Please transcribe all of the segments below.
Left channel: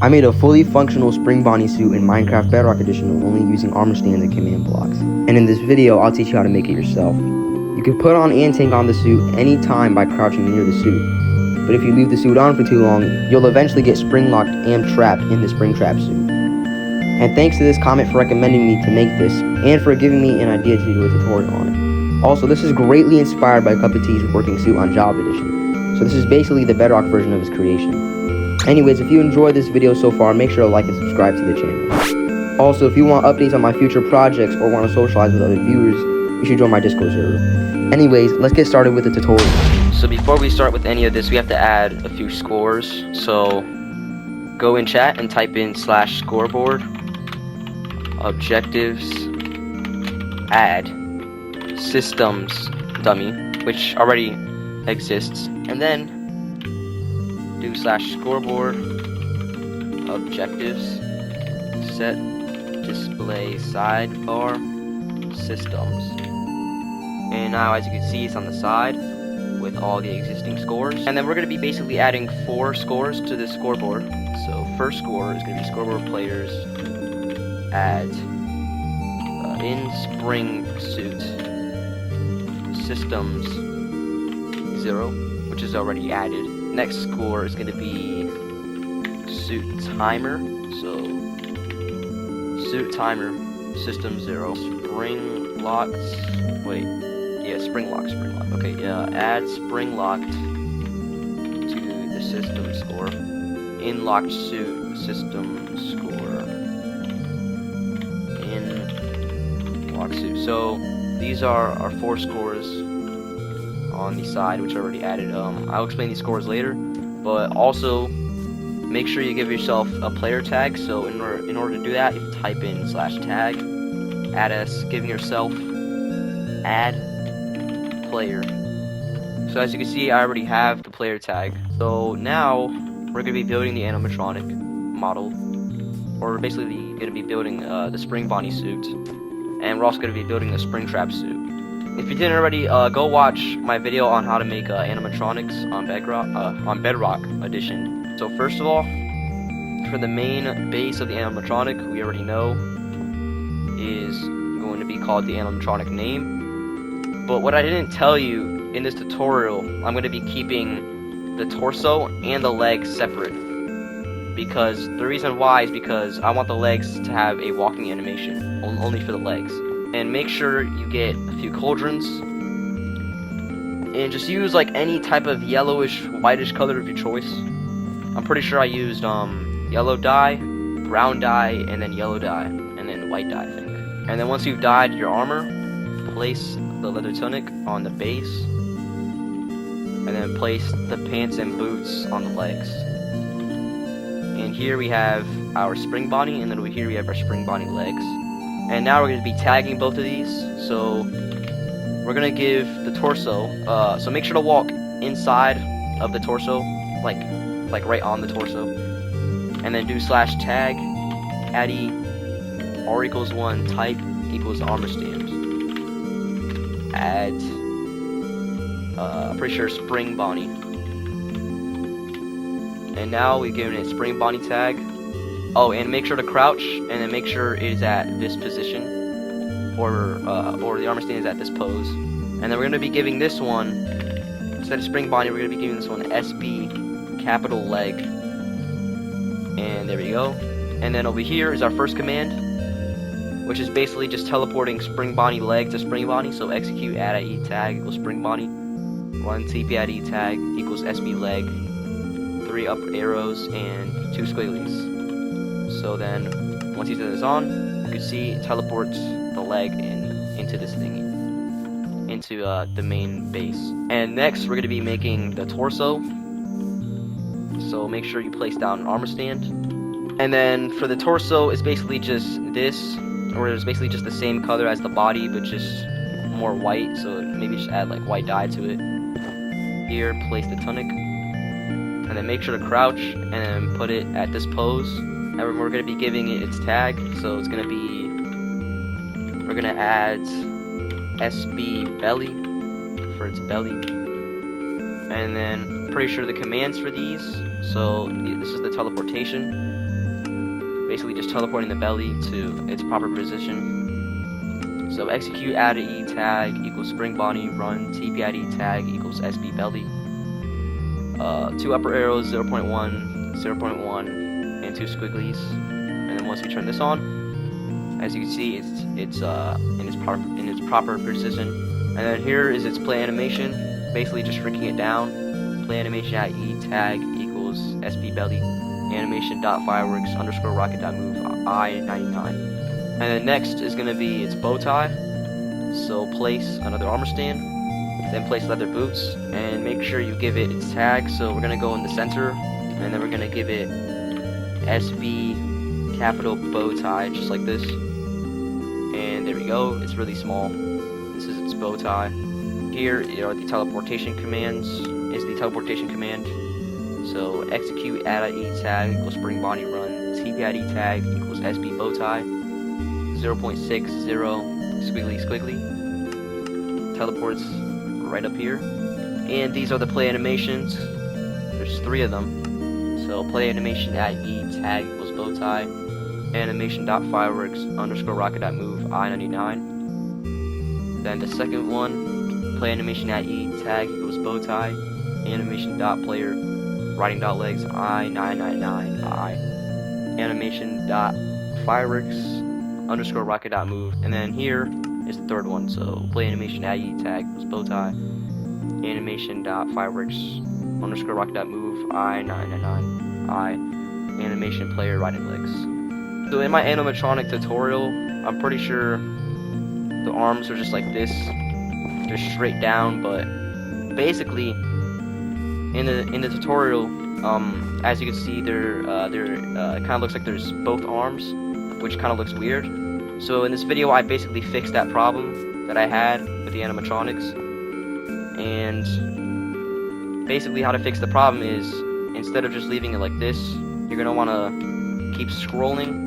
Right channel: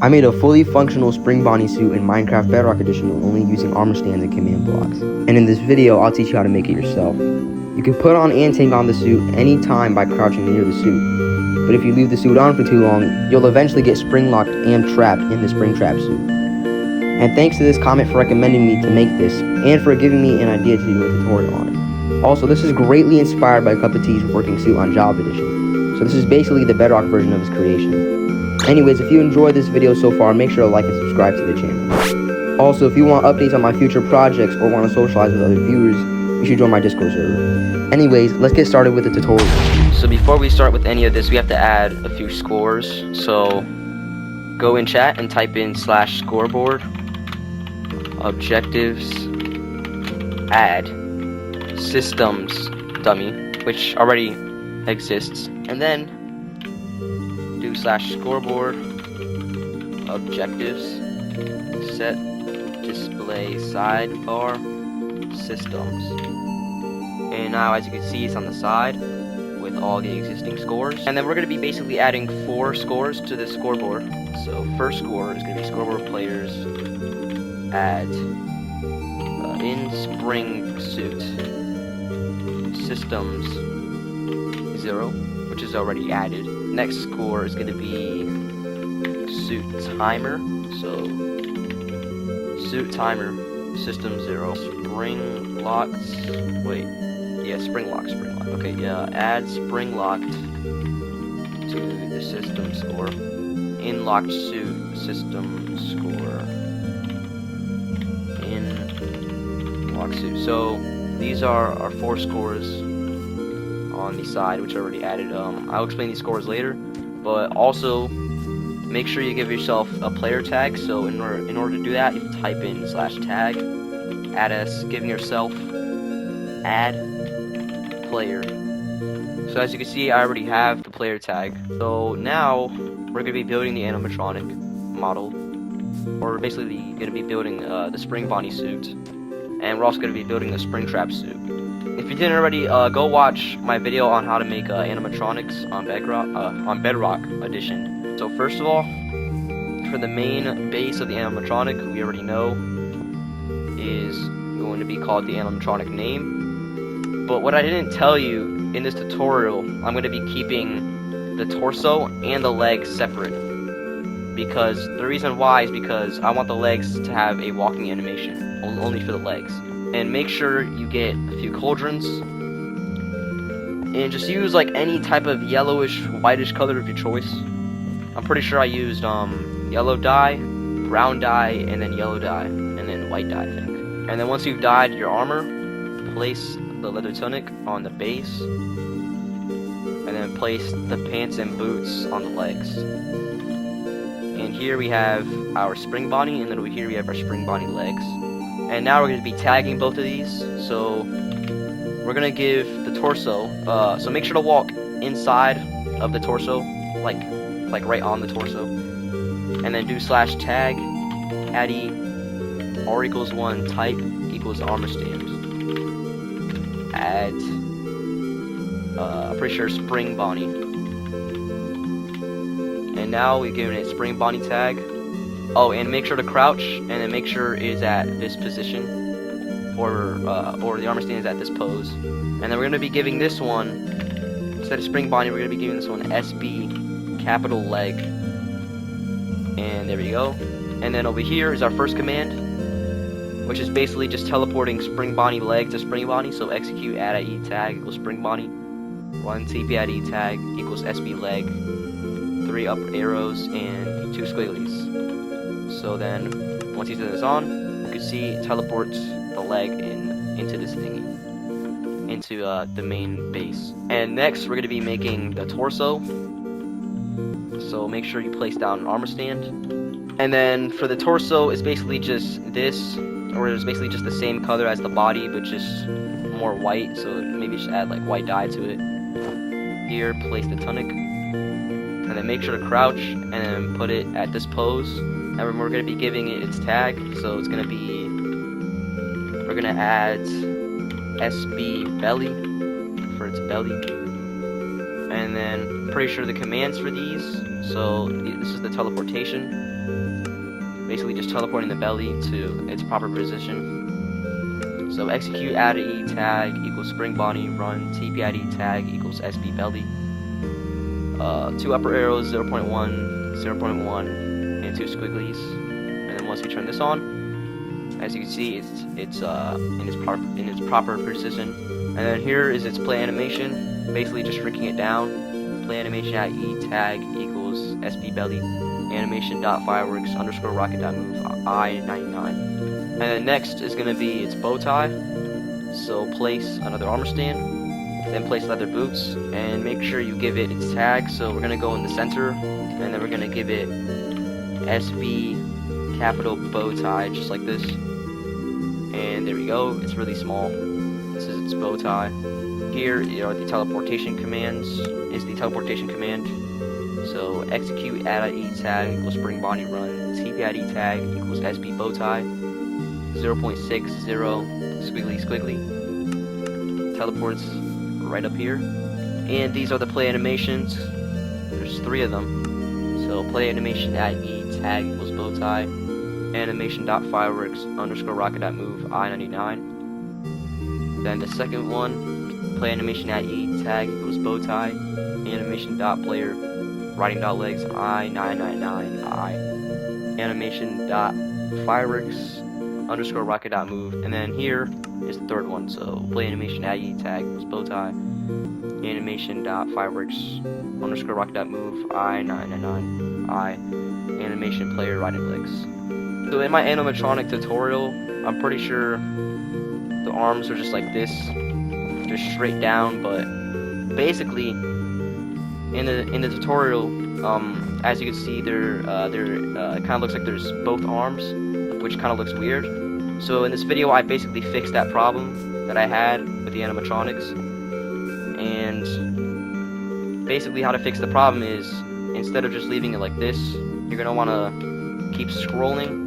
I made a fully functional spring Bonnie suit in Minecraft Bedrock Edition only using armor stands and command blocks. And in this video, I'll teach you how to make it yourself. You can put on and take on the suit anytime by crouching near the suit. But if you leave the suit on for too long, you'll eventually get spring locked and trapped in the spring trap suit. And thanks to this comment for recommending me to make this, and for giving me an idea to do a tutorial on it. Also, this is greatly inspired by cuppatea's working suit on Java Edition. So this is basically the Bedrock version of his creation. Anyways, if you enjoyed this video so far, make sure to like and subscribe to the channel. Also, if you want updates on my future projects or want to socialize with other viewers, you should join my Discord server. Anyways, let's get started with the tutorial. So before we start with any of this, we have to add a few scores. So go in chat and type in /scoreboard, objectives, add, systems dummy, which already exists, and then do /scoreboard, objectives, set display sidebar, systems. And now, as you can see, it's on the side with all the existing scores. And then we're going to be basically adding 4 scores to this scoreboard. So first score is going to be scoreboard players add in spring suit systems 0, which is already added. Next score is going to be suit timer, so suit timer system 0, spring locked, spring lock, okay, yeah, add spring locked to the system score, in locked suit system score, in locked suit. So these are our 4 scores on the side, which are already added. I'll explain these scores later, but also make sure you give yourself a player tag. So in order to do that, you type in /tag, add us, giving yourself add player. So as you can see, I already have the player tag. So now we're going to be building the animatronic model, or basically going to be building the spring Bonnie suit, and we're also going to be building the spring trap suit. If you didn't already, go watch my video on how to make animatronics on Bedrock Edition. So first of all, for the main base of the animatronic, we already know is going to be called the animatronic name. But what I didn't tell you in this tutorial, I'm going to be keeping the torso and the legs separate. Because the reason why is because I want the legs to have a walking animation, only for the legs. And make sure you get a few cauldrons, and just use like any type of yellowish, whitish color of your choice. I'm pretty sure I used yellow dye, brown dye, and then yellow dye, and then white dye, I think. And then once you've dyed your armor, place the leather tunic on the base, and then place the pants and boots on the legs. And here we have our spring Bonnie, and then over here we have our spring Bonnie legs. And now we're going to be tagging both of these. So we're going to give the torso, so make sure to walk inside of the torso, like right on the torso, and then do /tag addy r=1 type equals armor stand, add pretty sure spring Bonnie. And now we've given it spring Bonnie tag. Oh, and make sure to crouch, and then make sure it is at this position, or the armor stand is at this pose. And then we're going to be giving this one, instead of spring Bonnie, we're going to be giving this one SB capital leg. And there we go. And then over here is our first command, which is basically just teleporting spring Bonnie leg to spring Bonnie. So execute add e tag equals spring Bonnie, run tp add e tag equals SB leg, 3 up arrows and 2 squigglies. So then, once you turn this on, you can see it teleports the leg into this thingy, into the main base. And next, we're going to be making the torso. So make sure you place down an armor stand. And then for the torso, it's basically just this, or it's basically just the same color as the body, but just more white. So maybe just add like white dye to it. Here, place the tunic, and then make sure to crouch, and then put it at this pose. And we're going to be giving it its tag, so it's going to be, we're going to add SB belly for its belly, and then pretty sure the commands for these, so this is the teleportation, basically just teleporting the belly to its proper position. So execute ADDONS tag equals spring body run TPID tag equals SB belly. 2 upper arrows, 0.1, 0.1, and 2 squigglies. And then once we turn this on, as you can see, it's in its proper position. And then here is its play animation, basically just shrinking it down. Play animation ADDONS tag equals SB belly animation dot fireworks underscore rocket dot move I99. And then next is gonna be its bow tie. So place another armor stand, then place leather boots, and make sure you give it its tag. So we're gonna go in the center, and then we're gonna give it SB capital bow tie, just like this. And there we go. It's really small. This is its bow tie. Here are the teleportation commands. Is the teleportation command. So execute ADDONS tag equals spring body run TPID tag equals SB bow tie 0.60 squiggly squiggly. Teleports right up here. And these are the play animations. There's 3 of them. So play animation ADDONS tag equals bow tie animation dot fireworks underscore rocket dot move I99. Then the second one, play animation ADDONS tag equals bow tie animation dot player riding dot legs I999 I animation dot fireworks underscore rocket dot move. And then here is the third one. So play animation ADDONS tag equals bow tie animation dot fireworks underscore rocket dot move I999 I animation player riding legs. So in my animatronic tutorial, I'm pretty sure the arms are just like this, just straight down. But basically, in the tutorial, as you can see, it kind of looks like there's both arms, which kind of looks weird. So in this video, I basically fixed that problem that I had with the animatronics. And basically, how to fix the problem is, instead of just leaving it like this, you're gonna want to keep scrolling.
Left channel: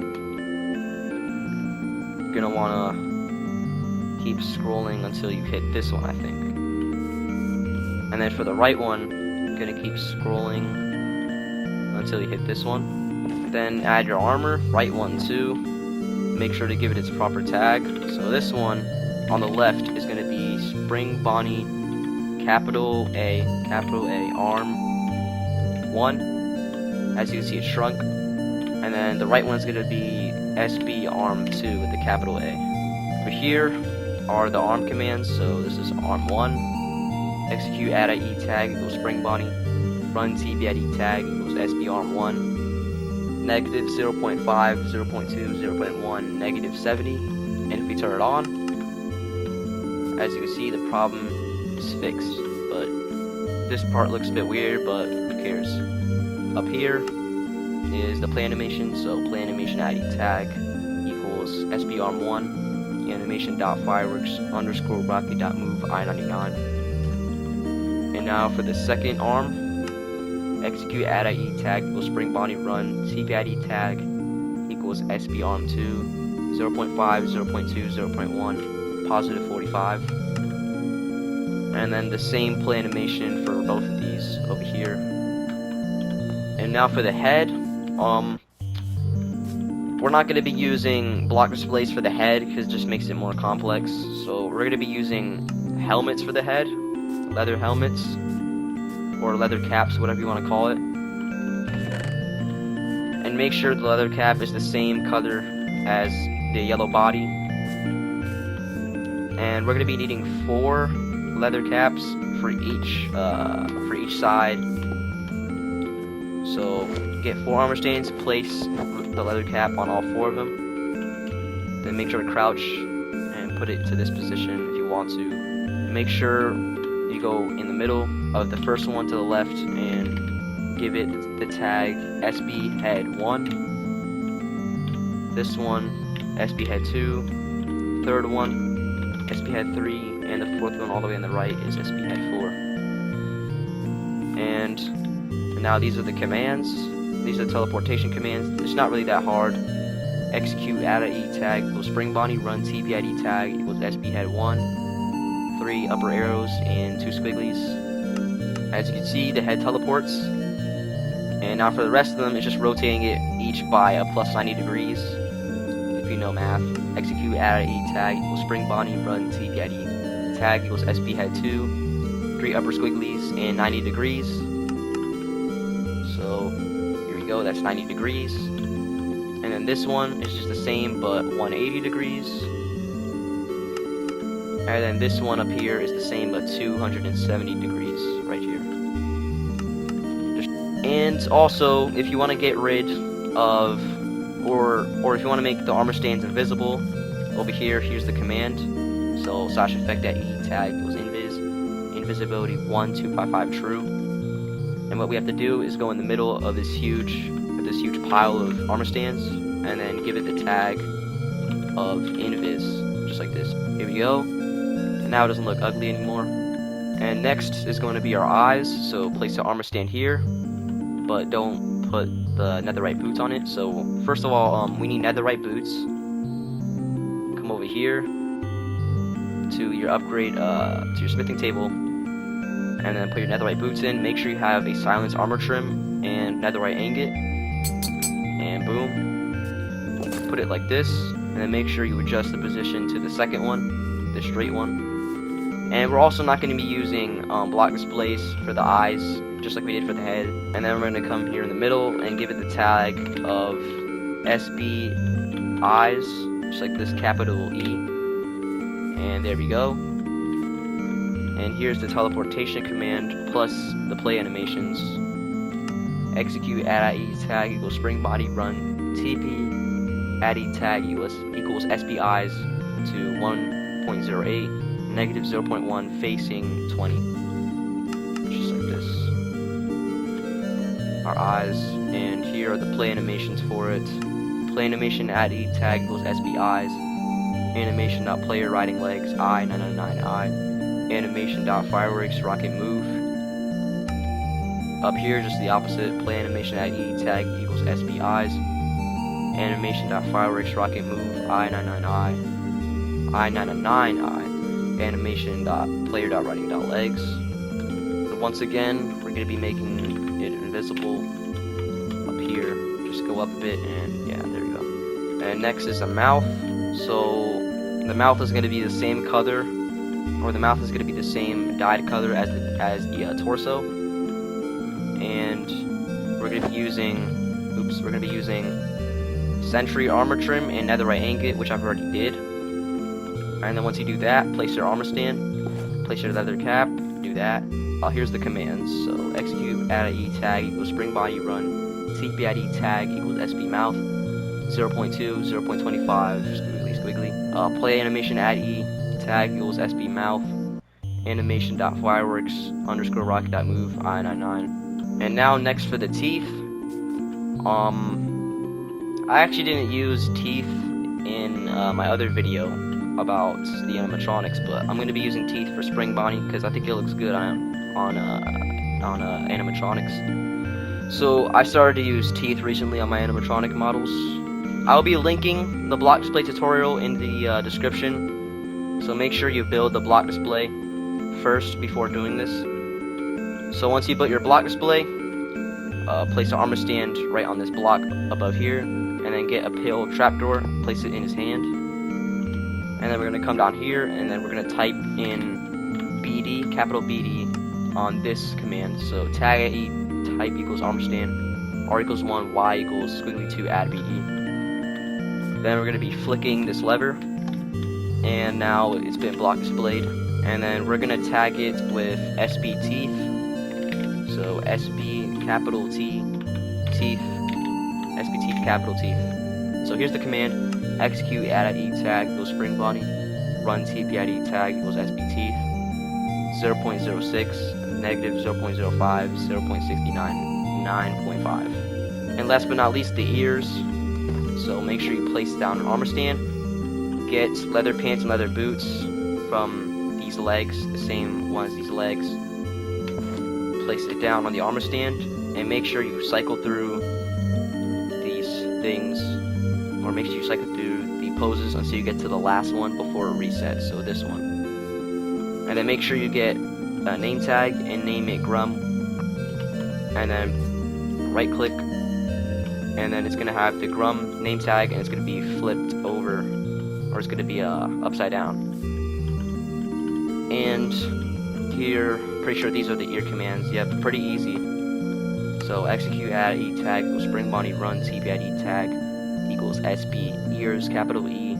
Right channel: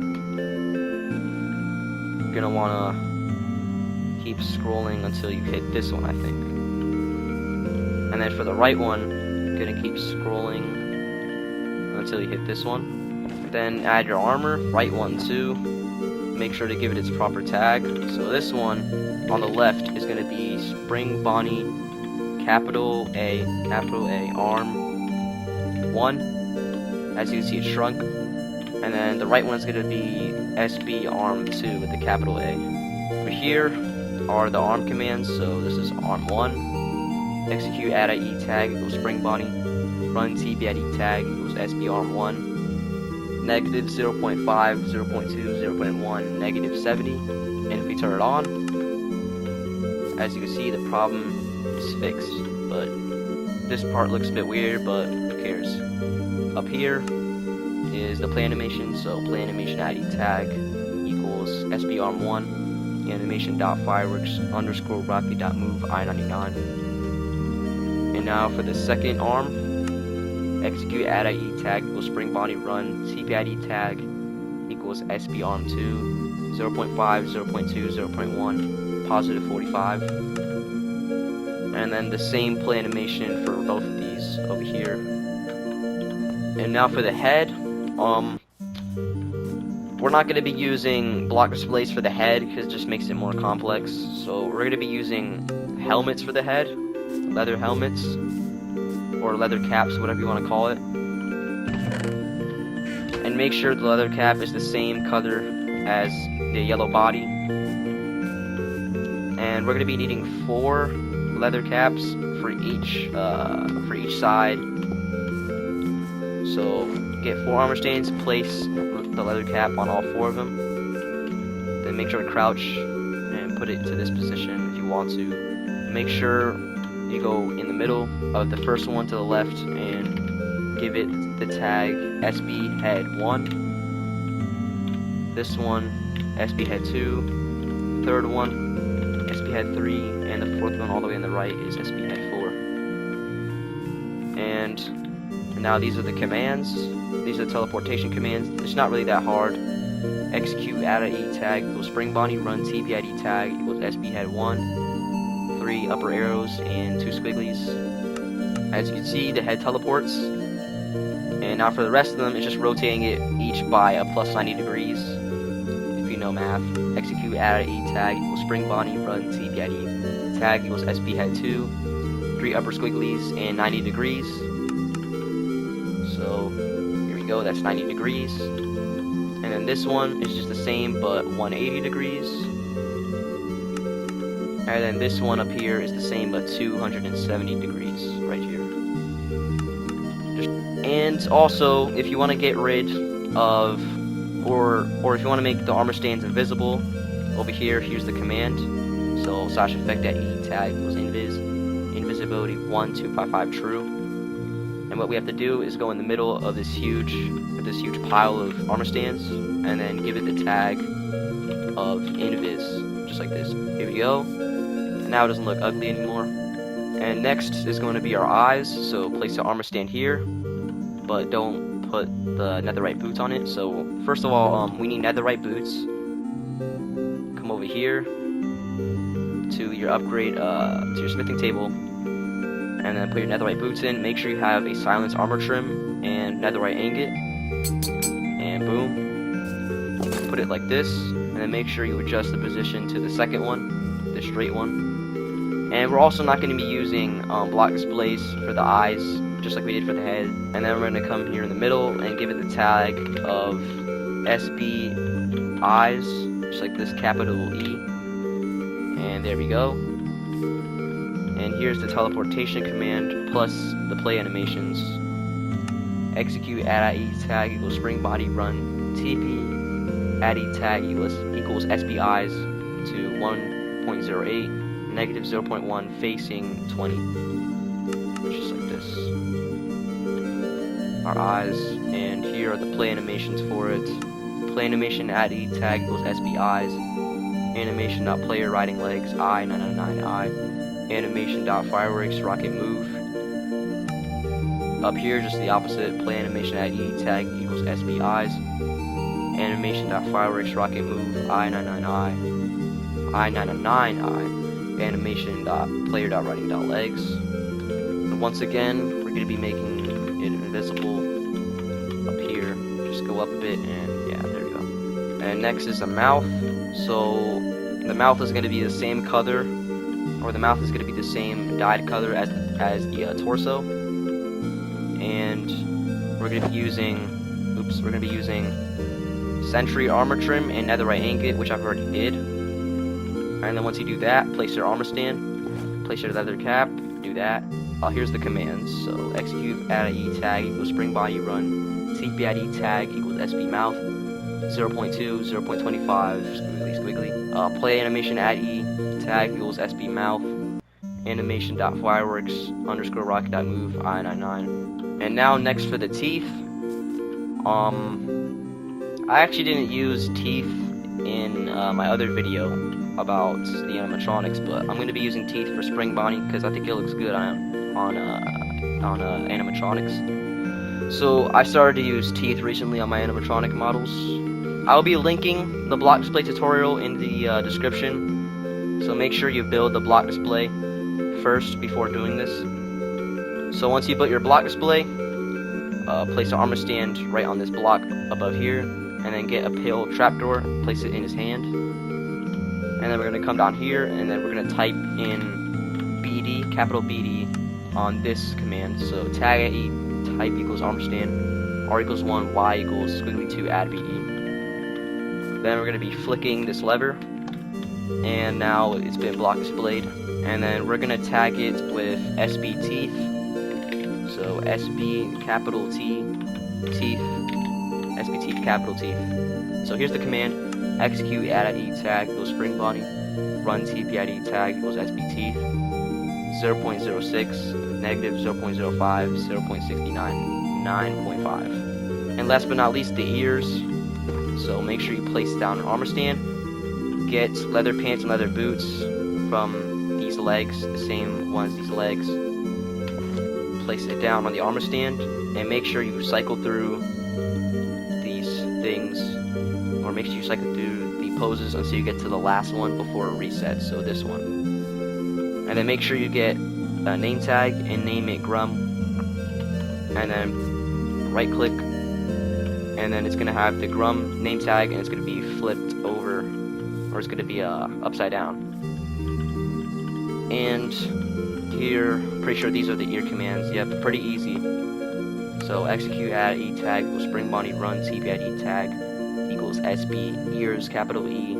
You're gonna want to keep scrolling until you hit this one, I think. And then for the right one, you're gonna keep scrolling until you hit this one. Then add your armor, right one too. Make sure to give it its proper tag. So this one on the left is gonna be Spring Bonnie capital A arm 1. As you can see, it shrunk. And then the right one is gonna be SB arm 2 with the capital A. For here are the arm commands. So this is arm 1. Execute ADDONS tag equals spring body. Run TPID tag equals SB arm 1. Negative 0.5, 0.2, 0.1, negative 70. And if we turn it on, as you can see, the problem is fixed. But this part looks a bit weird, but who cares? Up here is the play animation. So play animation ADDONS tag equals SB arm 1. Animation dot fireworks underscore rocket dot move I99. And now for the second arm, execute ADDONS tag equals spring body run TPID tag equals SB arm 2 0.5 0.2 0.1 positive 45. And then the same play animation for both of these over here. And now for the head, we're not going to be using block displays for the head because it just makes it more complex. So we're going to be using helmets for the head, leather helmets, or leather caps, whatever you want to call it. And make sure the leather cap is the same color as the yellow body. And we're going to be needing 4 leather caps for each side. So get 4 armor stands, place the leather cap on all 4 of them. Then make sure to crouch and put it to this position if you want to. Make sure you go in the middle of the first one to the left and give it the tag SB head 1. This one SB head 2. Third one SB head 3, and the fourth one all the way on the right is SB head 4. And now these are the commands. These are the teleportation commands. It's not really that hard. Execute ADDONS tag equals spring body run TPID tag equals SB head 1. 3 upper arrows and 2 squigglies. As you can see, the head teleports. And now for the rest of them, it's just rotating it each by a plus 90 degrees. If you know math. Execute add E tag equals spring body run TP at E tag equals SP head 2. 3 upper squigglies and 90 degrees. So here we go, that's 90 degrees. And then this one is just the same but 180 degrees. And then this one up here is the same but 270 degrees right here. And also, if you want to get rid of, or if you want to make the armor stands invisible, over here, here's the command. So slash effect at E tag equals invisibility 1255 true. And what we have to do is go in the middle of this huge pile of armor stands, and then give it the tag of invis, just like this. Here we go. And now it doesn't look ugly anymore. And next is going to be our eyes. So place the armor stand here, but don't put the netherite boots on it. So first of all, we need netherite boots. Come over here to your upgrade, to your smithing table, and then put your netherite boots in. Make sure you have a silence armor trim and netherite ingot, and boom. Put it like this, and then make sure you adjust the position to the second one, the straight one. And we're also not going to be using block displays for the eyes, just like we did for the head. And then we're going to come here in the middle and give it the tag of SB eyes, just like this capital E. And there we go. And here's the teleportation command plus the play animations. Execute add E tag equals spring body run TP add E tag equals SB eyes to 1.08 negative 0.1 facing 20. Just like this. Our eyes, and here are the play animations for it. Play animation add E tag equals SB eyes. Animation.player riding legs I 999 I. Animation.fireworks rocket move. Up here, just the opposite. Play animation add E tag equals SB eyes. Animation.fireworks rocket move I 99 I. I 999 I. Animation.player.running.legs. And once again, we're going to be making it invisible up here. Just go up a bit, and yeah, there you go. And next is the mouth. So the mouth is going to be the same color, or the mouth is going to be the same dyed color as the torso. And we're going to be using, Sentry armor trim and netherite ingot, which I've already did. And then once you do that, place your armor stand, place your leather cap, do that. Here's the commands. So execute add E tag equals spring body run, TP add E tag equals SB mouth, 0.2, 0.25, squiggly. Play animation add E tag equals SB mouth, animation.fireworks _ rocket.move I99. And now next for the teeth. I actually didn't use teeth in my other video about the animatronics, but I'm going to be using teeth for Spring Bonnie because I think it looks good on animatronics. So I started to use teeth recently on my animatronic models. I'll be linking the block display tutorial in the description, so make sure you build the block display first before doing this. So once you build your block display, place the armor stand right on this block above here, and then get a pale trapdoor, place it in his hand. And then we're going to come down here, and then we're going to type in BD, capital BD, on this command. So tag at E type equals armor stand, R equals 1, Y equals squiggly 2, add BD. Then we're going to be flicking this lever, and now it's been block displayed. And then we're going to tag it with SB teeth. So SB capital T, teeth, SB teeth, capital teeth. So here's the command. Execute add at E tag equals spring body, run TP at E tag equals SB teeth, 0.06, negative 0.05, 0.69, 9.5. And last but not least, the ears. So make sure you place down an armor stand, get leather pants and leather boots from these legs, the same one as these legs. Place it down on the armor stand, and make sure you cycle through these things, or make sure you cycle through the poses until you get to the last one before it resets, so this one. And then make sure you get a name tag and name it Grum, and then right click, and then it's gonna have the Grum name tag, and it's gonna be flipped over, or it's gonna be upside down. And here, pretty sure these are the ear commands. Yep, pretty easy. So execute add e tag equals spring body run tp add e tag equals sb ears capital E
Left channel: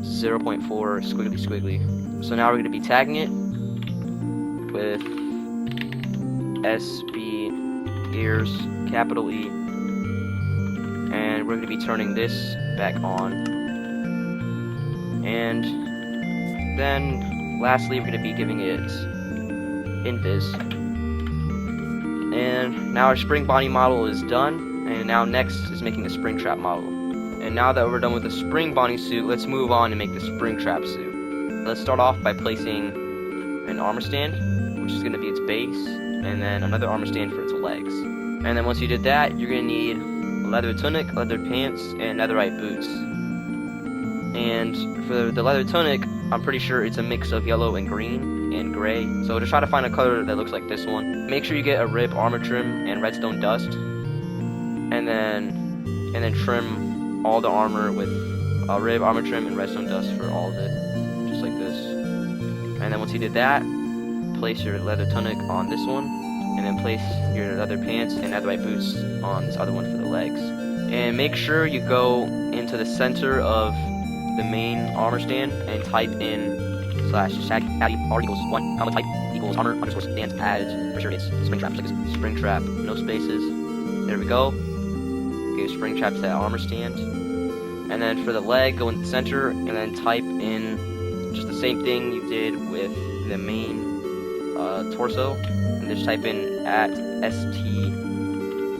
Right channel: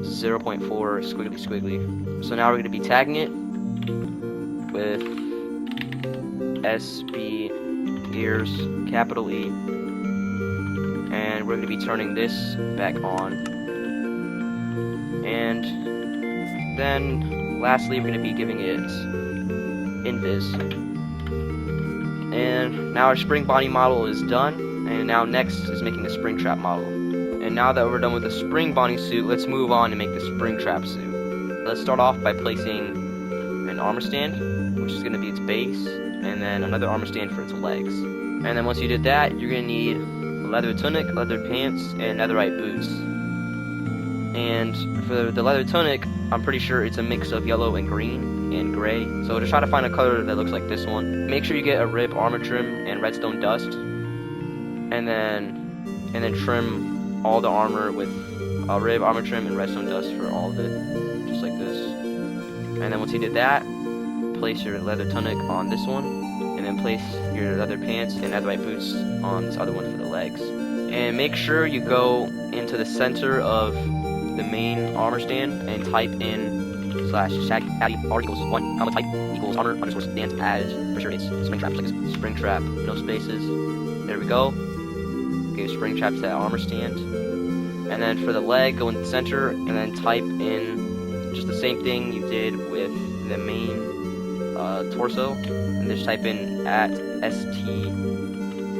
0.4 squiggly squiggly. So now we're going to be tagging it with sb ears capital E, and we're going to be turning this back on. And then lastly, we're going to be giving it invis. And now our spring body model is done, and now next is making the spring trap model. And now that we're done with the spring body suit, let's move on and make the spring trap suit. Let's start off by placing an armor stand, which is going to be its base, and then another armor stand for its legs. And then once you did that, you're going to need a leather tunic, leather pants, and netherite boots. And for the leather tunic, I'm pretty sure it's a mix of yellow and green and gray, so just try to find a color that looks like this one. Make sure you get a rib armor trim and redstone dust, and then trim all the armor with a rib armor trim and redstone dust for all of it, just like this. And then once you did that, place your leather tunic on this one, and then place your leather pants and netherite boots on this other one for the legs. And make sure you go into the center of the main armor stand and type in /tag add r equals 1 comma type equals armor underscore stand add. For sure it's spring trap, just like this. Spring trap, no spaces. There we go. Give spring trap to that armor stand. And then for the leg, go in the center and then type in just the same thing you did with the main torso, and just type in @st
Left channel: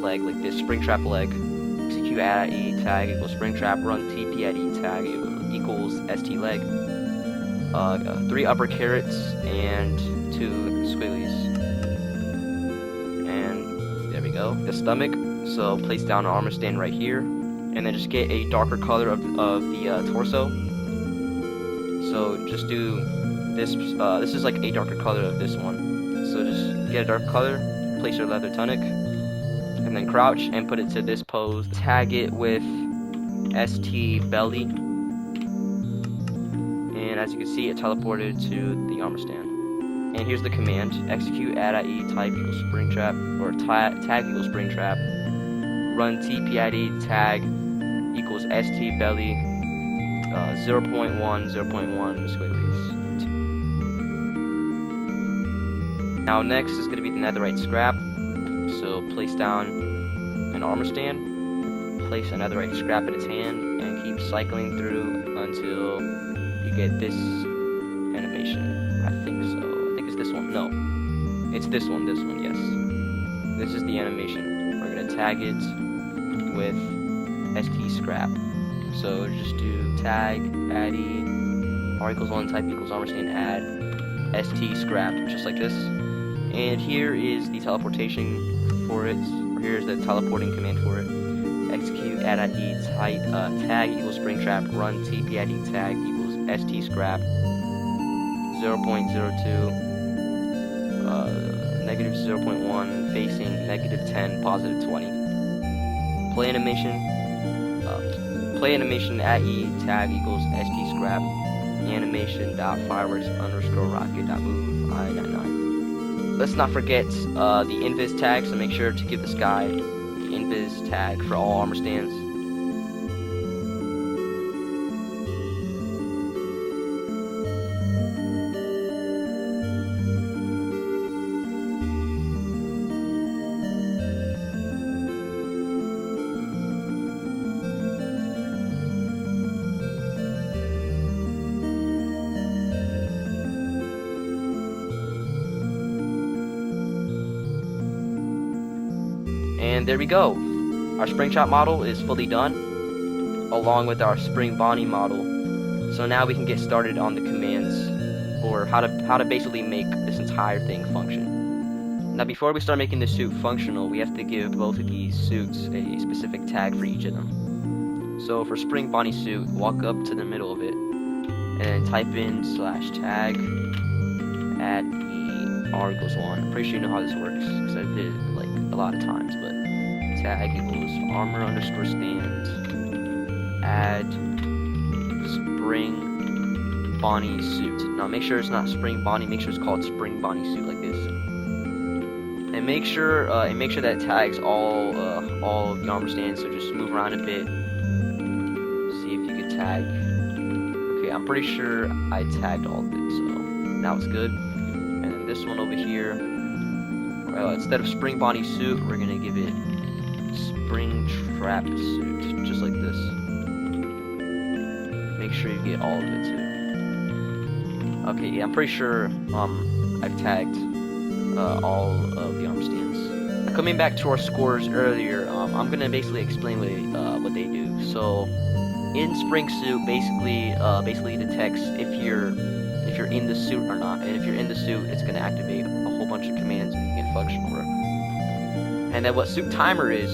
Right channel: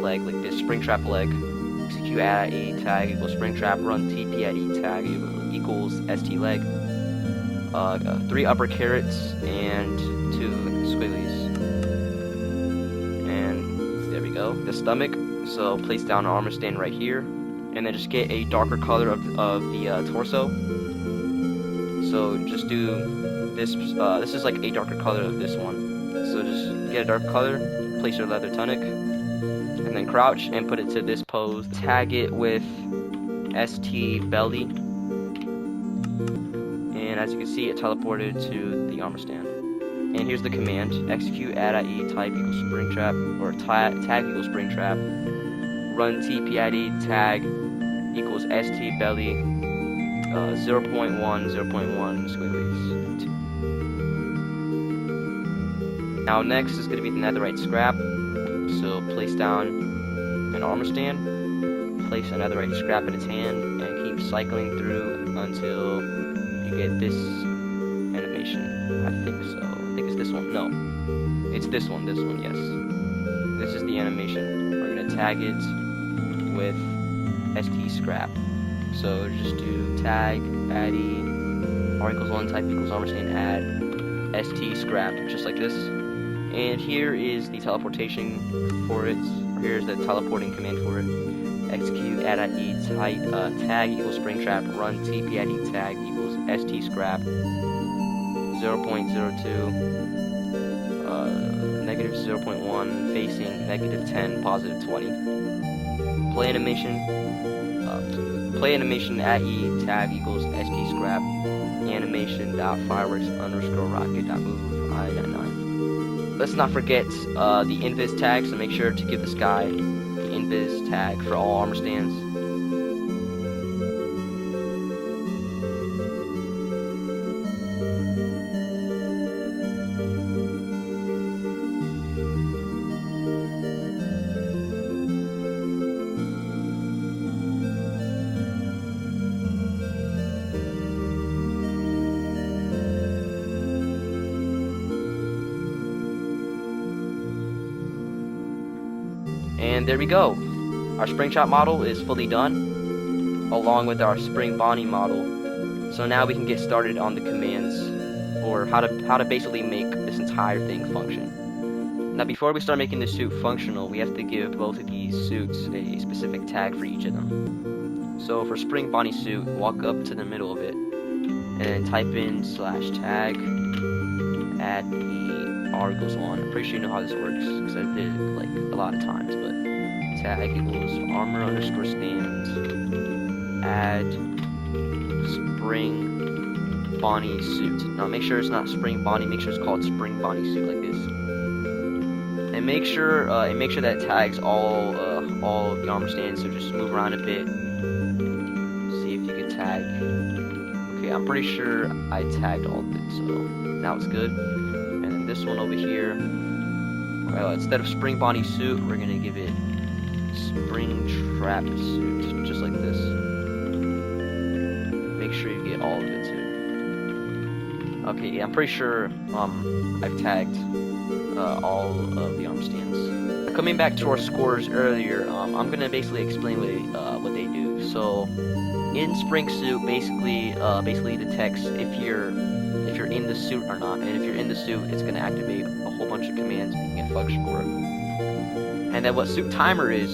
leg, like this, spring trap leg. Execute add e tag equals spring trap run tp add e tag equals st leg. 3 upper carrots and 2 squigglies. And there we go. The stomach, so place down an armor stand right here, and then just get a darker color of the torso. So just do this, this is like a darker color of this one. So just get a dark color, place your leather tunic, and then crouch and put it to this pose. Tag it with st belly. And as you can see, it teleported to the armor stand. And here's the command: execute add.e type equals spring trap, or tag equals spring trap. Run tp add tag equals st belly 0.1 squigglies. Now next is going to be the netherite scrap. So place down an armor stand, place a netherite scrap in its hand, and keep cycling through until you get this animation. I think so. I think it's this one. No. It's this one, yes. This is the animation. We're going to tag it with st scrap. So just do tag add e r equals 1 type equals armor stand add st scrap, just like this. And here is the teleportation for it, or here's the teleporting command for it. Execute add.e type tag equals spring trap run tp add tag equals st scrap 0.02 negative 0.1 facing negative 10 positive 20. Play animation at e tag equals st scrap animation dot fireworks underscore rocket dot move I99. Let's not forget the invis tag, so make sure to give this guy the invis tag for all armor stands. And there we go. Our spring trap model is fully done, along with our spring body model. So now we can get started on the commands, or how to basically make this entire thing function. Now before we start making the suit functional, we have to give both of these suits a specific tag for each of them. So for spring body suit, walk up to the middle of it, and then type in /tag add e R equals 1. I'm pretty sure you know how this works because I did it like a lot of times. But tag equals armor underscore stand add spring Bonnie suit. Now make sure it's not spring Bonnie. Make sure it's called spring Bonnie suit like this. And make sure that it tags all of the armor stands. So just move around a bit. See if you can tag. Okay, I'm pretty sure I tagged all of it. So now it's good. And then this one over here. Well, instead of spring Bonnie suit, we're gonna give it spring trap suit, just like this. Make sure you get all of it too. Okay, yeah, I'm pretty sure I've tagged all of the arm stands. Coming back to our scores earlier, I'm gonna basically explain what they do. So in spring suit, basically detects if you're in the suit or not, and if you're in the suit, it's gonna activate a whole bunch of commands making it function for it. And then what suit timer is,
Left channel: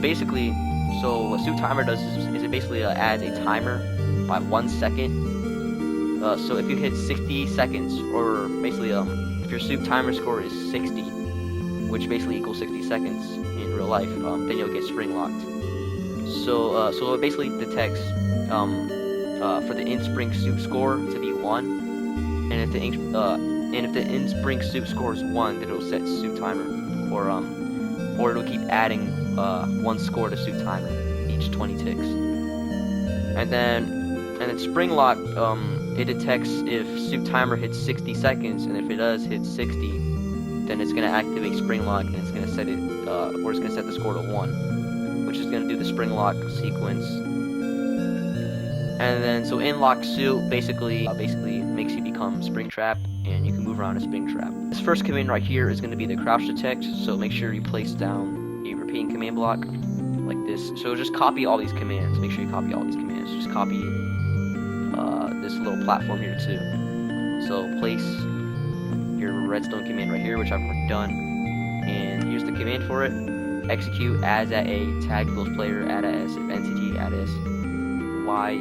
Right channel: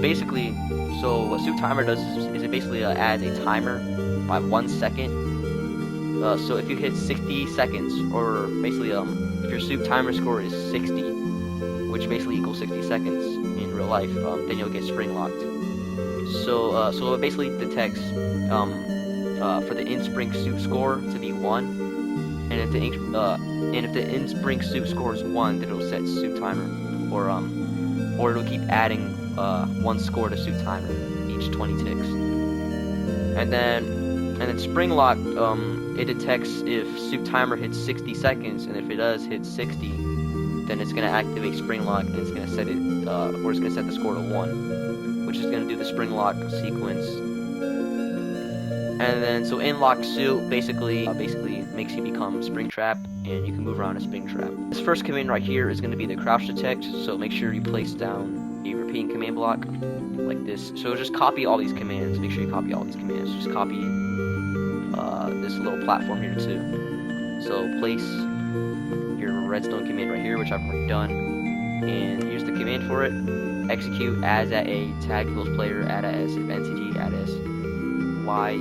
basically, so what suit timer does is it basically adds a timer by 1 second. So if you hit 60 seconds, or basically if your suit timer score is 60, which basically equals 60 seconds in real life, then you'll get spring locked. So it basically detects for the in spring suit score to be 1, and if the in spring suit score is 1, then it'll set suit timer, or it'll keep adding 1 score to suit timer each 20 ticks. And then spring lock, it detects if suit timer hits 60 seconds, and if it does hit 60, then it's gonna activate spring lock, and it's gonna set it, or it's gonna set the score to 1, which is gonna do the spring lock sequence. And then so in lock suit basically makes you become spring trap, and you can move around a spring trap. This first command right here is gonna be the crouch detect. So make sure you place down a repeating command block like this. So just copy all these commands. Make sure you copy all these commands. Just copy this little platform here too. So place your redstone command right here, which I've already done, and here's the command for it. Execute as at a tag equals player add as if entity add as y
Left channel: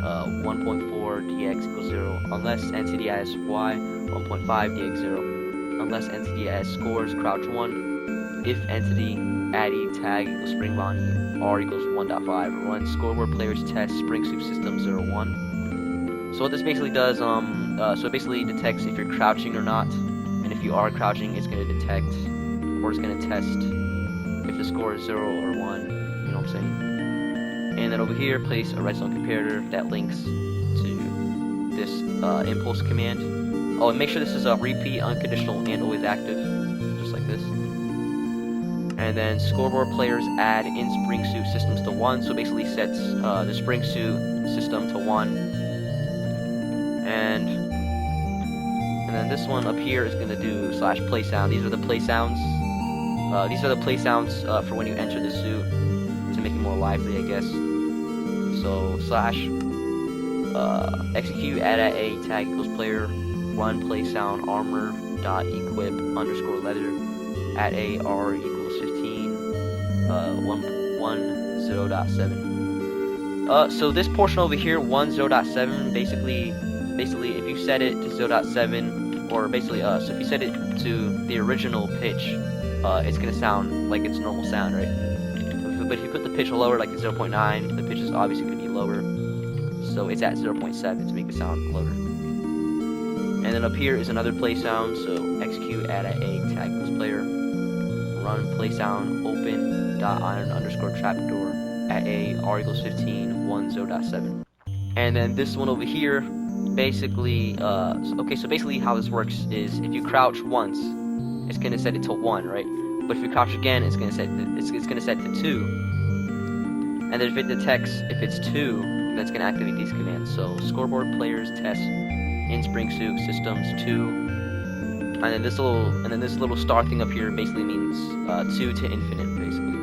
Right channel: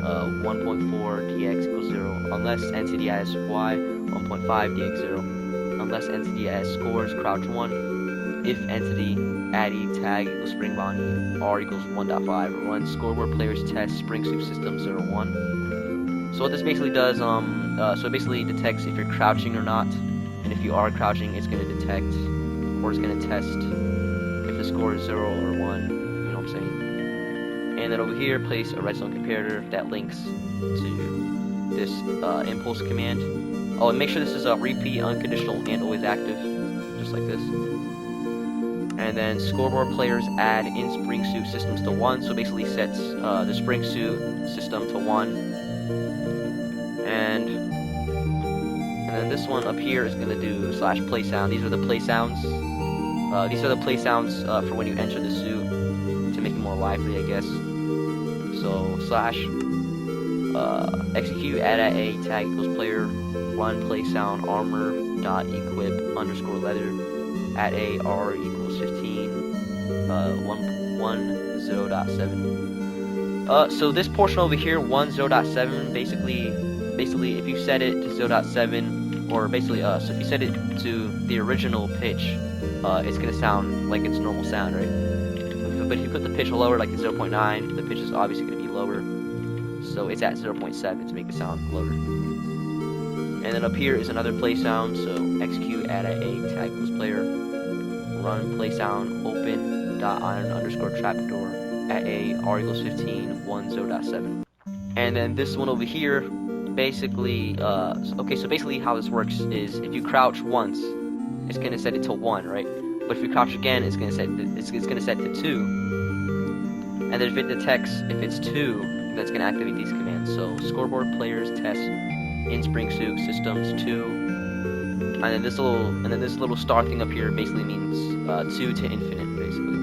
1.4 dx equals 0 unless entity as y 1.5 dx 0 unless entity as scores crouch 1 if entity addy tag equals spring Bonnie r equals 1.5 run scoreboard players test spring suit system 01. So what this basically does, so it basically detects if you're crouching or not, and if you are crouching, it's going to detect, or it's going to test if the score is 0 or 1, you know what I'm saying? And then over here, place a redstone comparator that links to this impulse command. Oh, and make sure this is a repeat, unconditional, and always active, just like this. And then scoreboard players add in spring suit systems to 1, so it basically sets the spring suit system to 1. And then this one up here is going to do /play sound. These are the play sounds. These are the play sounds for when you enter the suit to make it more lively, I guess. So / execute add at a tag equals player run play sound armor dot equip underscore leather at a r equals 15 10.7. So this portion over here 10.7 basically if you set it to 0.7, or basically so if you set it to the original pitch, it's gonna sound like its normal sound, right? But if you put the pitch lower, like 0.9, the pitch is obviously gonna be lower. So it's at 0.7 to make it sound lower. And then up here is another play sound. So execute add at a tag equals player run play sound open dot iron underscore trapdoor at a r equals 15 10.7. And then this one over here. Basically, okay, so basically how this works is if you crouch once, it's gonna set it to 1, right? But if you crouch again, it's gonna set to 2. And then if it detects if it's 2, that's gonna activate these commands. So scoreboard players test in spring suit systems 2, and then this little star thing up here basically means 2 to infinite, basically.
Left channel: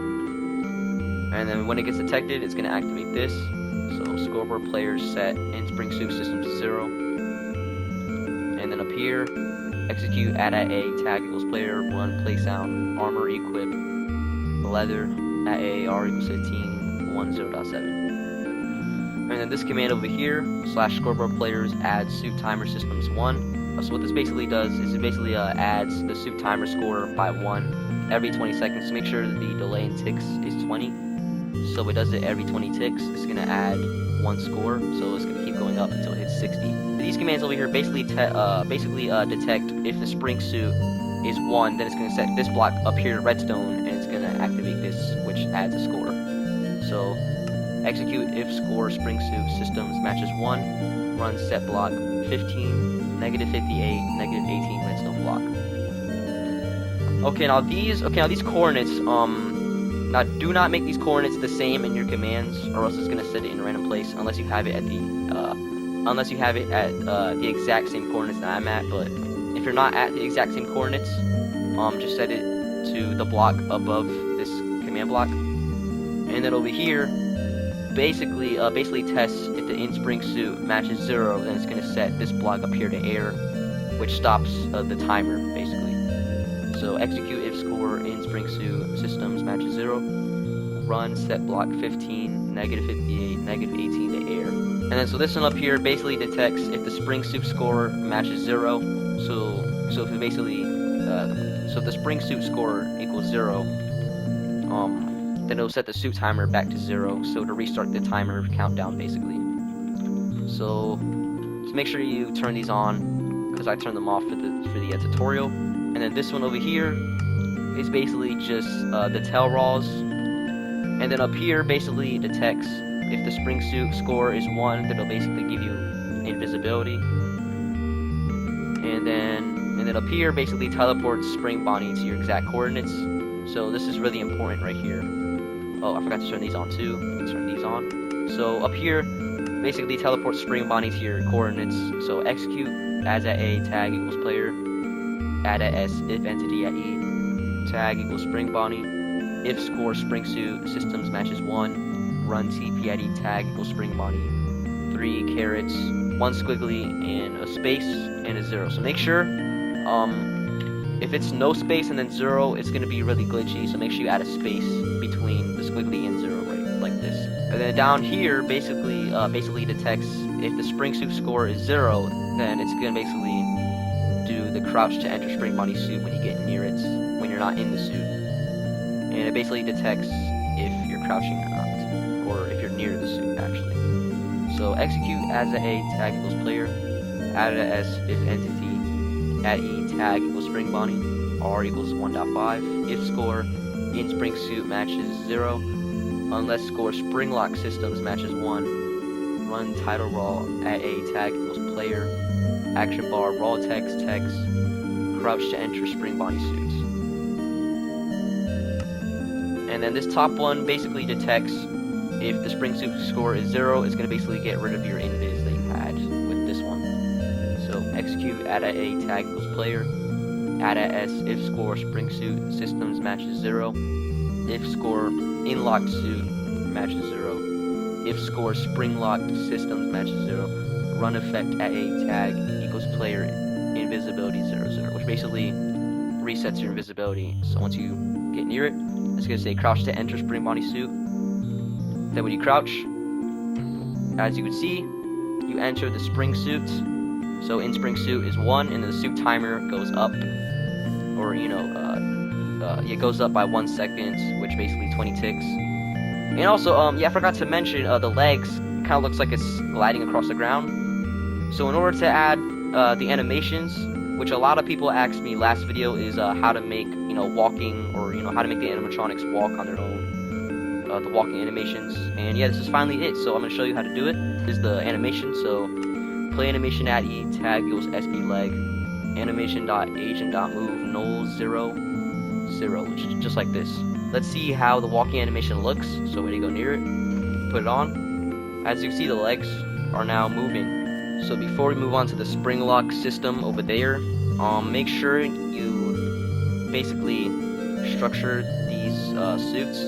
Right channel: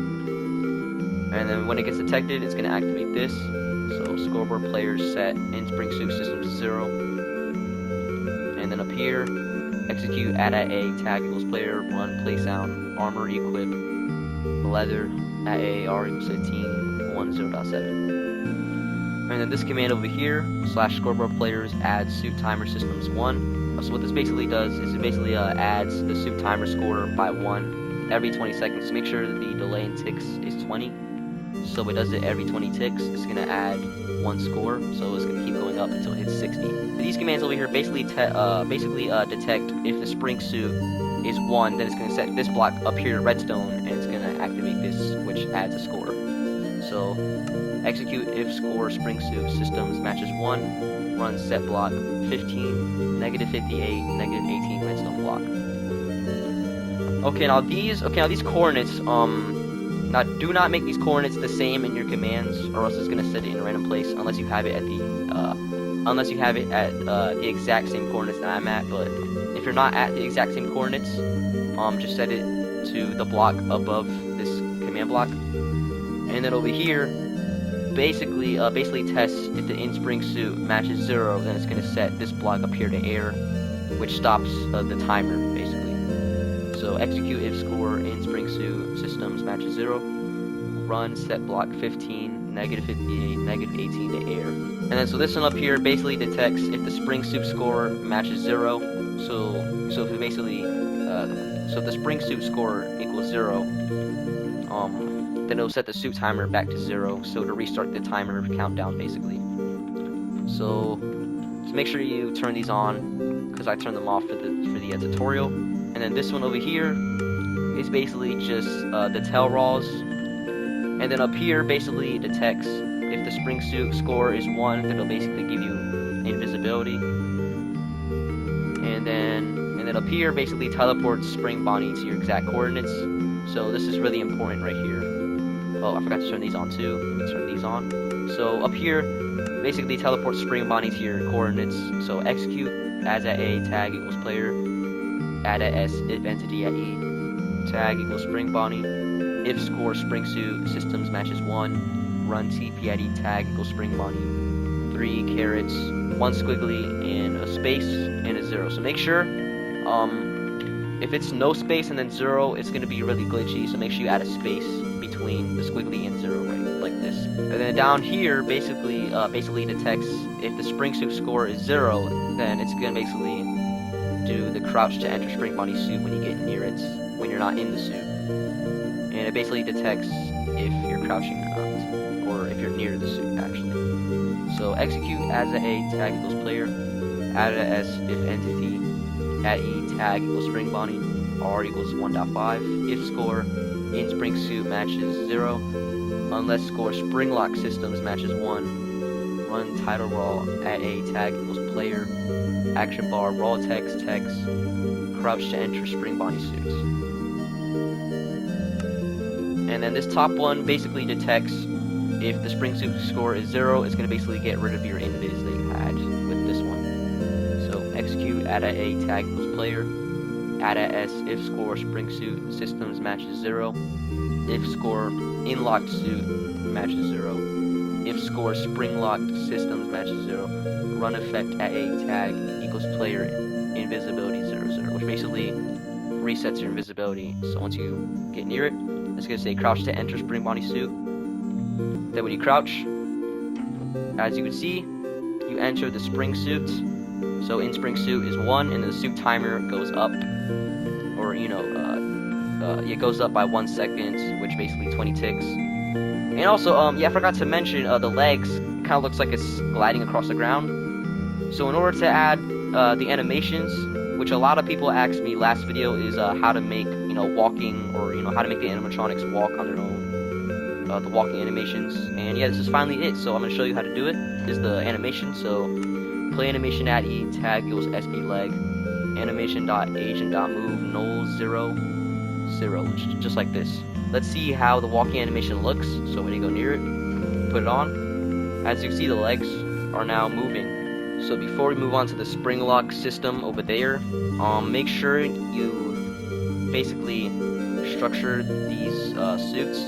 And then when it gets detected, it's gonna activate this. So scoreboard players set in spring suit systems 0, and then up here, execute add at a tag equals player run play sound armor equip leather at a r equals 15 10.7. And then this command over here / scoreboard players add suit timer systems 1. So what this basically does is it basically adds the suit timer score by 1 every 20 seconds. Make sure that the delay in ticks is 20. So it does it every 20 ticks. It's gonna add 1 score, so it's gonna keep going up until it hits 60. These commands over here basically detect if the spring suit is 1, then it's gonna set this block up here redstone, and it's gonna activate this, which adds a score. So execute if score spring suit systems matches 1, run set block 15, negative 58, negative 18 redstone block. Okay, now these coordinates, now do not make these coordinates the same in your commands, or else it's gonna set it in a random place unless you have it at the exact same coordinates that I'm at. But if you're not at the exact same coordinates, just set it to the block above this command block, and then over here, basically test if the in-spring suit matches 0, then it's gonna set this block up here to air, which stops the timer basically. So execute if score in-spring suit systems matches 0, run set block 15, negative 58, negative 18 to air. And then so this one up here basically detects if the spring suit score matches 0. So if it basically so if the spring suit score equals 0, then it'll set the suit timer back to 0, so to restart the timer countdown basically. So make sure you turn these on, because I turned them off for the tutorial. And then this one over here is basically just the tail raws. And then up here basically detects if the spring suit score is 1, then it'll basically give you invisibility. And then up here basically teleports spring Bonnie to your exact coordinates. So this is really important right here. Oh, I forgot to turn these on too. Let me turn these on. So up here basically teleports spring Bonnie to your coordinates. So execute as at A tag equals player, add at S if entity at E, tag equals spring Bonnie, if score spring suit systems matches 1, run TP at E tag equals spring Bonnie, 3 carrots, 1 squiggly, and a space and a 0. So make sure if it's no space and then 0, it's gonna be really glitchy. So make sure you add a space between the squiggly and 0, right, like this. And then down here basically detects if the spring suit score is 0, then it's gonna basically do the crouch to enter spring Bonnie suit when you get near it, when you're not in the suit. And it basically detects if you're crouching or not, or if you're near the suit actually. So execute as a tag equals player, add a S if entity, at E tag equals spring Bonnie, R equals 1.5, if score in spring suit matches 0, unless score spring lock systems matches 1, run title raw at A tag equals player, action bar raw text, crouch to enter spring Bonnie suit. And then this top one basically detects if the spring suit score is 0, it's going to basically get rid of your invis that you had with this one. So execute add at A tag equals player, add at S if score spring suit systems matches 0, if score in locked suit matches 0, if score spring locked systems matches 0, run effect at A tag equals player invisibility 0, which basically resets your invisibility. So once you get near it, it's going to say crouch to enter spring Bonnie suit. Then when you crouch, as you can see, you enter the spring suit. So in spring suit is 1, and the suit timer goes up, or it goes up by 1 second, which basically 20 ticks. And also, yeah, I forgot to mention the legs kind of looks like it's gliding across the ground. So in order to add the animations, which a lot of people asked me last video, is how to make walking, or how to make the animatronics walk on their own, the walking animations. And yeah, this is finally it. So I'm gonna show you how to do it. This is the animation. So play animation at E tag equals SB leg, animation.agent.move null 0 0, just like this. Let's see how the walking animation looks. So when you go near it, put it on. As you can see, the legs are now moving. So before we move on to the spring lock system over there, make sure you basically structure these suits.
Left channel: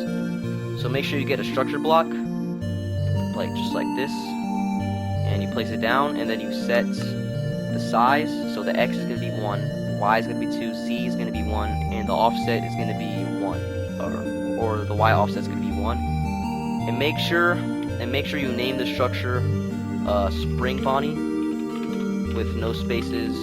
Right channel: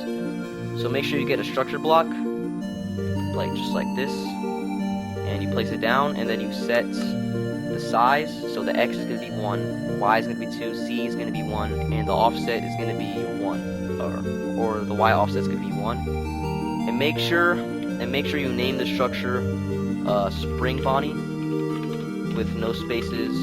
So make sure you get a structure block, like just like this, and you place it down, and then you set the size. So the X is going to be 1, Y is going to be 2, Z is going to be 1, and the offset is going to be 1, or the Y offset is going to be 1. And make sure you name the structure Spring Bonnie with no spaces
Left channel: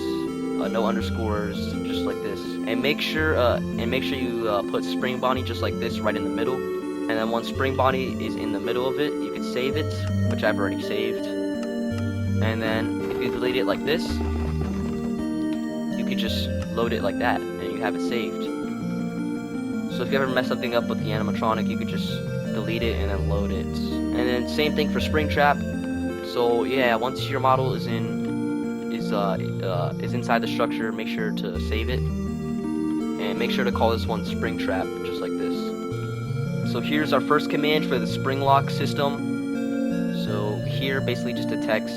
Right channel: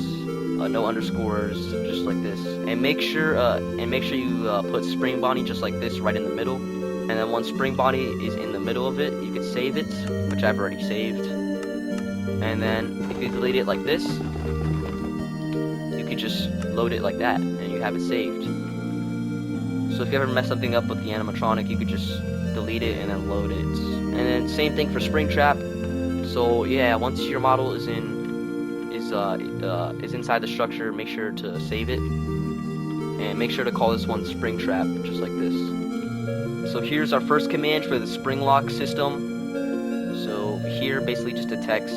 no underscores, just like this. And make sure you put Spring Bonnie just like this right in the middle. And then once Spring Bonnie is in the middle of it, you can save it, which I've already saved. And then if you delete it like this, you could just load it like that, and you have it saved. So if you ever mess something up with the animatronic, you could just delete it and then load it. And then same thing for Springtrap. So yeah, once your model is inside the structure, make sure to save it, and make sure to call this one Springtrap, just like this. So here's our first command for the spring lock system. So here basically just detects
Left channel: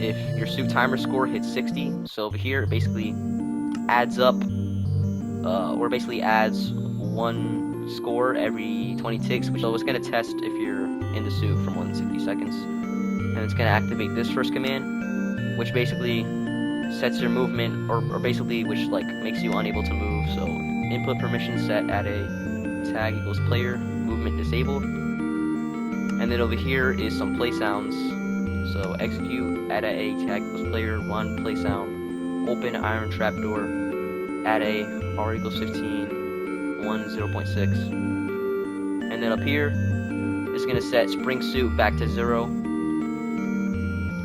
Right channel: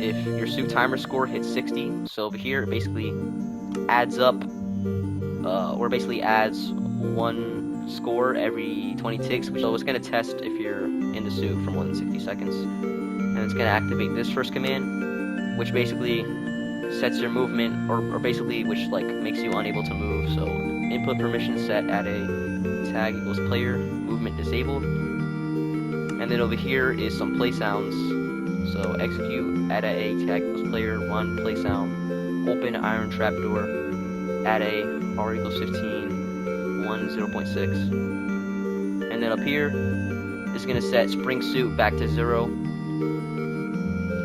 if your suit timer score hits 60. So over here it basically adds up, or basically adds one score every 20 ticks. So it's going to test if you're in the suit for more than 60 seconds. And it's going to activate this first command, which basically sets your movement, or basically which like makes you unable to move. So input permission set at a tag equals player, movement disabled. And then over here is some play sounds. So execute add a tag equals player, run play sound, open iron trap door, add a r equals 15, 1 0.6. And then up here it's going to set spring suit back to 0.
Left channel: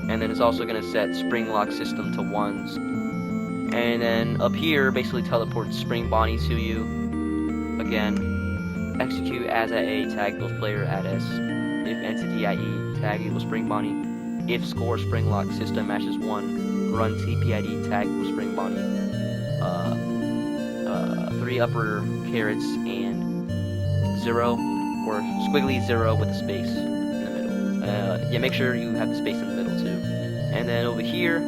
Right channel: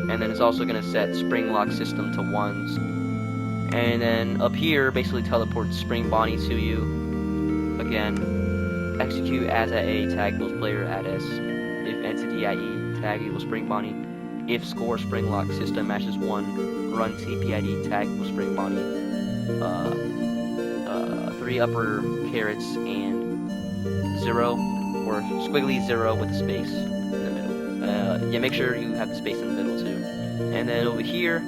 And then it's also going to set spring lock system to 1. And then up here basically teleports Spring Bonnie to you. Again, execute as at a tag equals player at s, if entity IE tag equals Spring Bonnie, if score spring lock system matches 1, run TPID tag equals Spring Bonnie, 3 upper carrots and 0, or squiggly 0 with a space in the middle. Yeah, make sure you have the space in the middle too. And then over here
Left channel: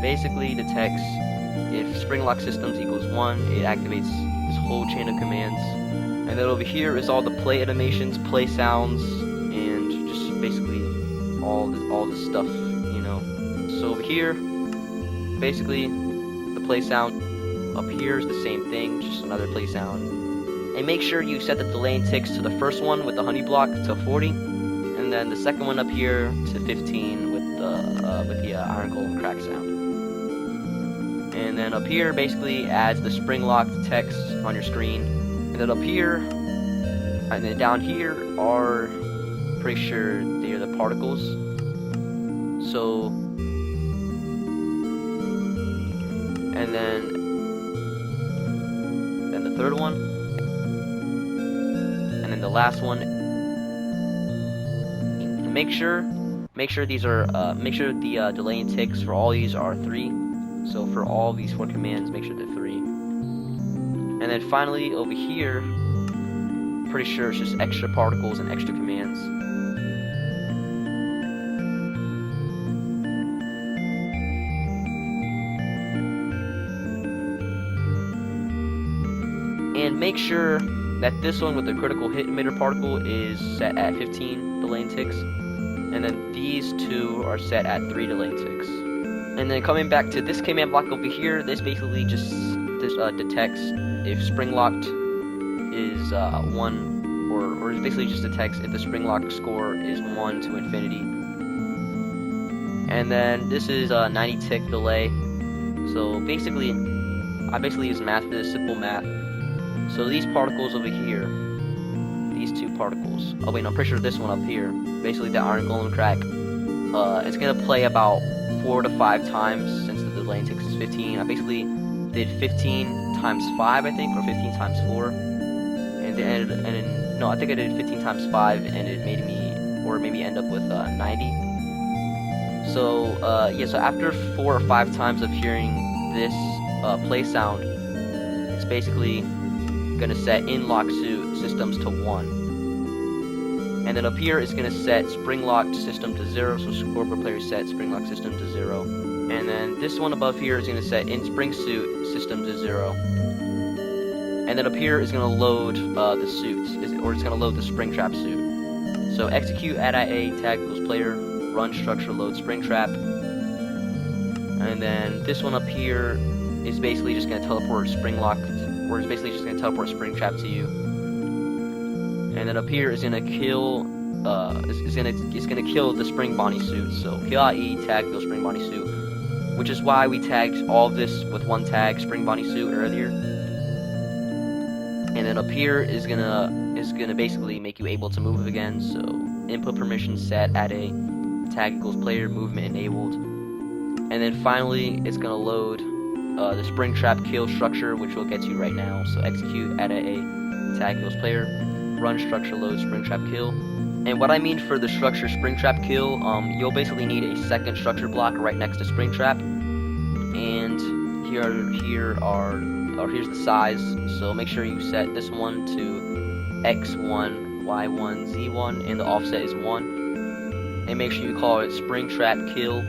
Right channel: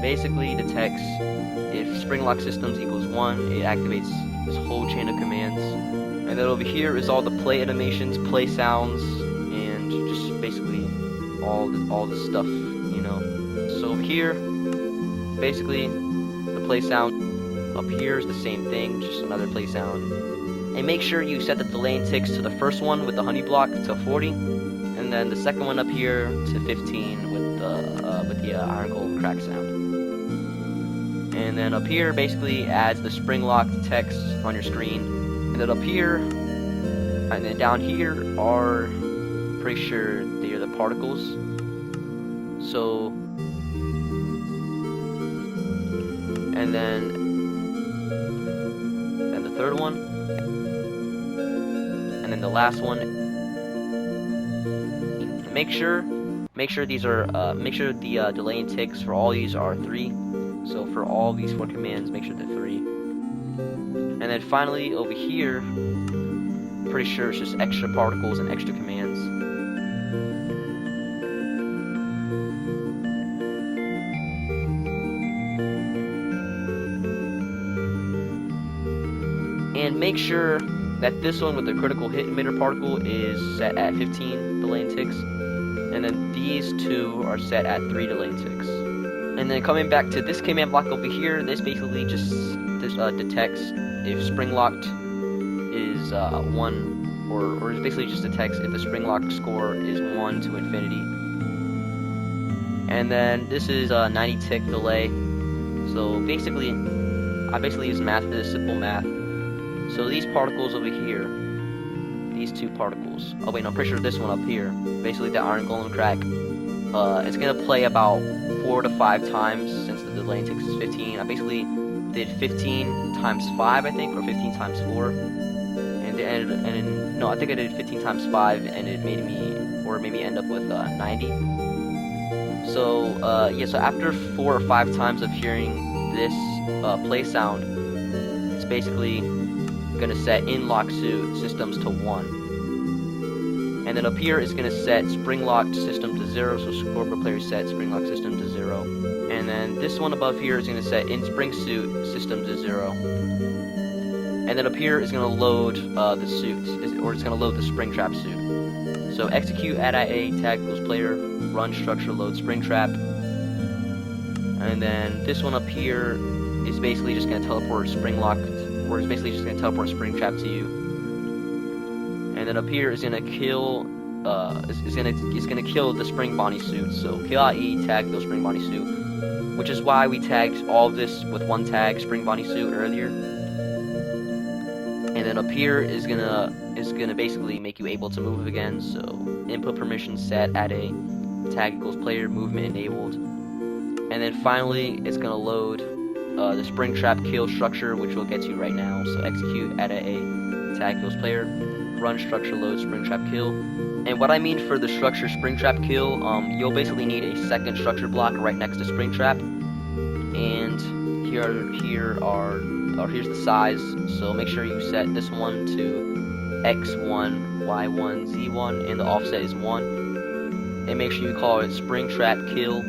basically detects if spring lock systems equals 1, it activates this whole chain of commands. And then over here is all the play animations, play sounds, and just basically all the stuff, you know. So over here basically the play sound. Up here is the same thing, just another play sound. And make sure you set the delay and ticks to the first one with the honey block to 40, and then the second one up here to 15 with the iron golem crack sound. And then up here basically adds the spring locked text on your screen. And then up here, and then down here are, pretty sure they are the particles. So, and then the third one, and then the last one. And make sure these are make sure the delay and ticks for all these are 3. So for all these 4 commands, make sure they're 3. And then finally over here, pretty sure it's just extra particles and extra commands. And make sure that this one with the critical hit emitter particle is set at 15 delay and ticks, and then these 2 are set at 3 delay and ticks. And then coming back to this command block over here, this basically just detects if spring locked is 1, or it basically just detects if the spring lock score is 1 to infinity. And then this is a 90 tick delay. So basically, I use math for this, simple math. So these particles over here, these 2 particles. Oh wait, no, I'm pretty sure this one up here, basically the iron golem crack. It's gonna play about 4 to 5 times since the delay and ticks is 15. I basically did 15 times 5, I think, or 15 times 4, and no, I think I did 15 times 5, and it made me end up with 90. So yeah, so after 4 or 5 times of hearing this play sound, it's basically gonna set in lock suit systems to 1. And then up here is gonna set spring locked system to 0, so scoreboard player set spring lock system to 0. And then this one above here is gonna set in spring suit system to 0. And then up here is gonna load the suit, or it's gonna load the spring trap suit. So execute add IA tag equals player, run structure load spring trap. And then this one up here is basically just gonna teleport spring locked, or it's basically just gonna teleport spring trap to you. And then up here is gonna kill it's gonna kill the Spring Bonnie suit. So kill IE tag equals Spring Bonnie suit. which is why we tagged all of this with one tag, spring bunny suit, earlier. And then up here is gonna basically make you able to move again. So input permissions set, add a tag equals player, movement enabled. And then finally it's gonna load the spring trap kill structure, which we'll get to right now. So execute, add a tag equals player, run structure load spring trap kill. And what I mean for the structure spring trap kill, you'll basically need a second structure block right next to spring trap. And here's the size. So make sure you set this one to x1, y1, z1, and the offset is 1. And make sure you call it spring trap kill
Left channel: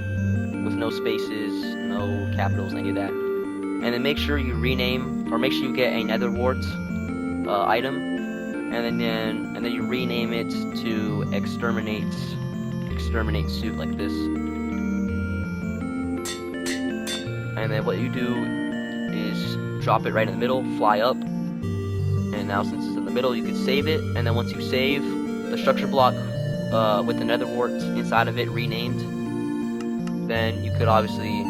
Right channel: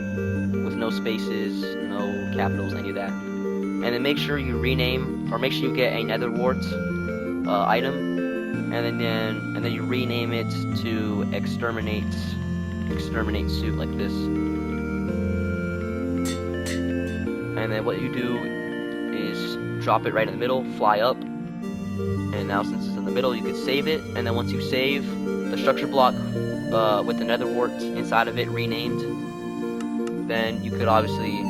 with no spaces, no capitals, any of that. And then make sure you rename, or make sure you get a nether wart item, and then you rename it to exterminate suit, like this. And then what you do is drop it right in the middle, fly up, and now since it's in the middle you could save it. And then once you save the structure block with the nether wart inside of it renamed, then you could obviously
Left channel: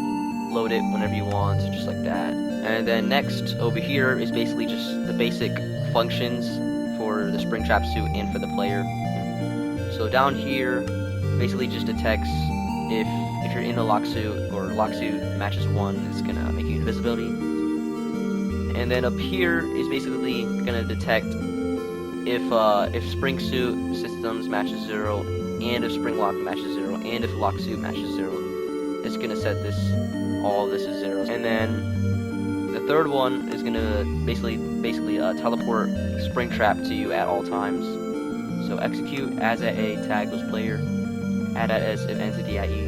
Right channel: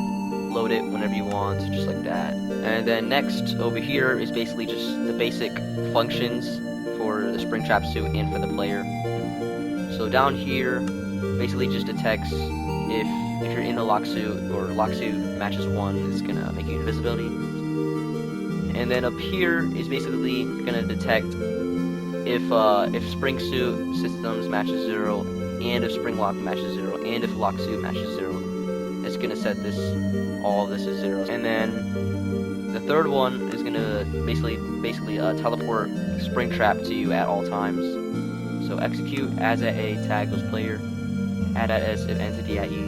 load it whenever you want, just like that. And then next over here is basically just the basic functions for the spring trap suit and for the player. So down here basically just detects if you're in the lock suit, or lock suit matches 1, it's gonna make you invisibility. And then up here is basically gonna detect if spring suit systems matches 0, and if spring lock matches 0, and if lock suit matches 0. It's gonna set all of this is 0. And then the third one is gonna basically teleport spring trap to you at all times. So execute as at a tag equals player, add at s if entity at e,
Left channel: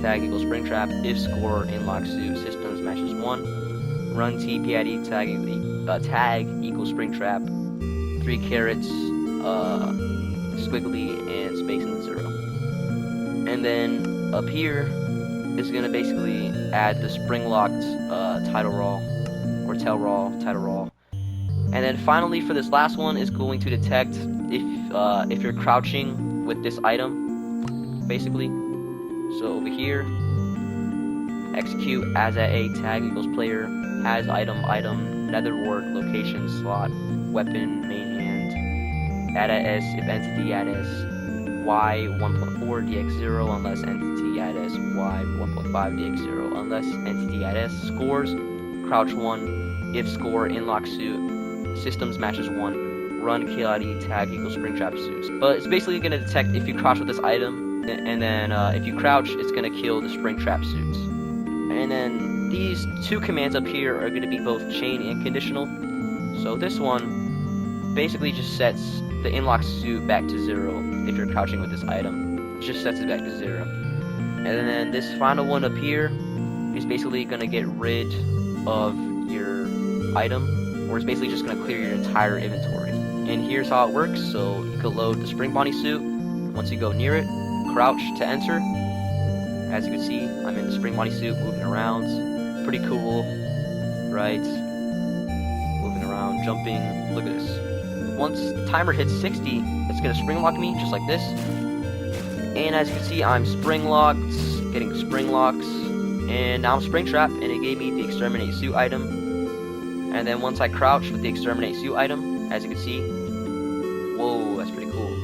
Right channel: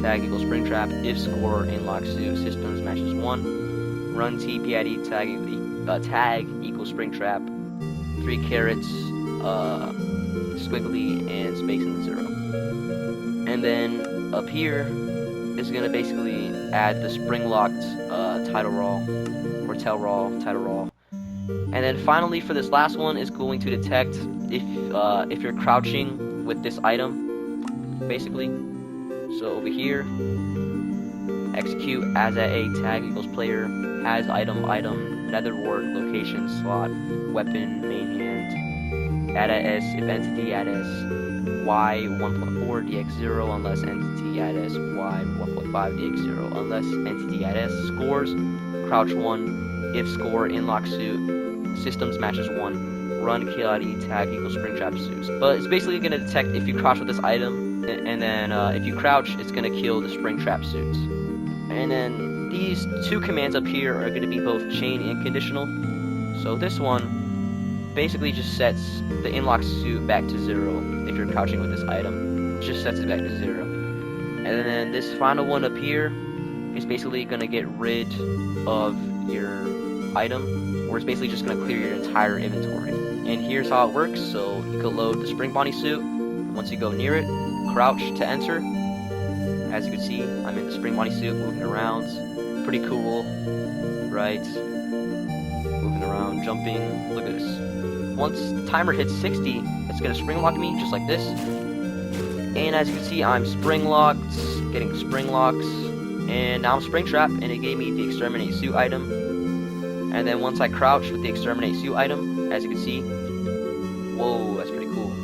tag equals spring trap, if score in lock suit systems matches 1, run tp at e, tag equals spring trap, 3 carrots, squiggly, and space in the 0. And then up here is gonna basically add the spring locked title raw, or tail raw, title raw. And then finally for this last one is going to detect if you're crouching with this item, basically. So over here, execute as at a tag equals player, has item, nether wart, location, slot, weapon, main hand, add at s if entity at s, y 1.4 dx0 unless entity at s, y 1.5 dx0 unless entity at s, scores, crouch 1, if score in lock suit, systems matches 1, run kill at e, tag equals spring trap suits. But it's basically going to detect if you crouch with this item, and then if you crouch, it's going to kill the spring trap suits. And then these 2 commands up here are going to be both chain and conditional. So this one basically just sets the in-lock suit back to 0 if you're crouching with this item. It just sets it back to 0. And then this final one up here is basically going to get rid of your item, or it's basically just going to clear your entire inventory. And here's how it works. So you could load the spring bunny suit. Once you go near it, crouch to enter. As you can see, I'm in the spring bunny suit, moving around. Pretty cool, right? Moving around, jumping. Look at this. Once the timer hits 60, it's gonna spring lock me just like this. And as you can see, I'm spring locked, getting spring locks, and now I'm spring trapped, and it gave me the exterminate suit item. And then once I crouch with the exterminate suit item, as you can see, whoa, that's pretty cool.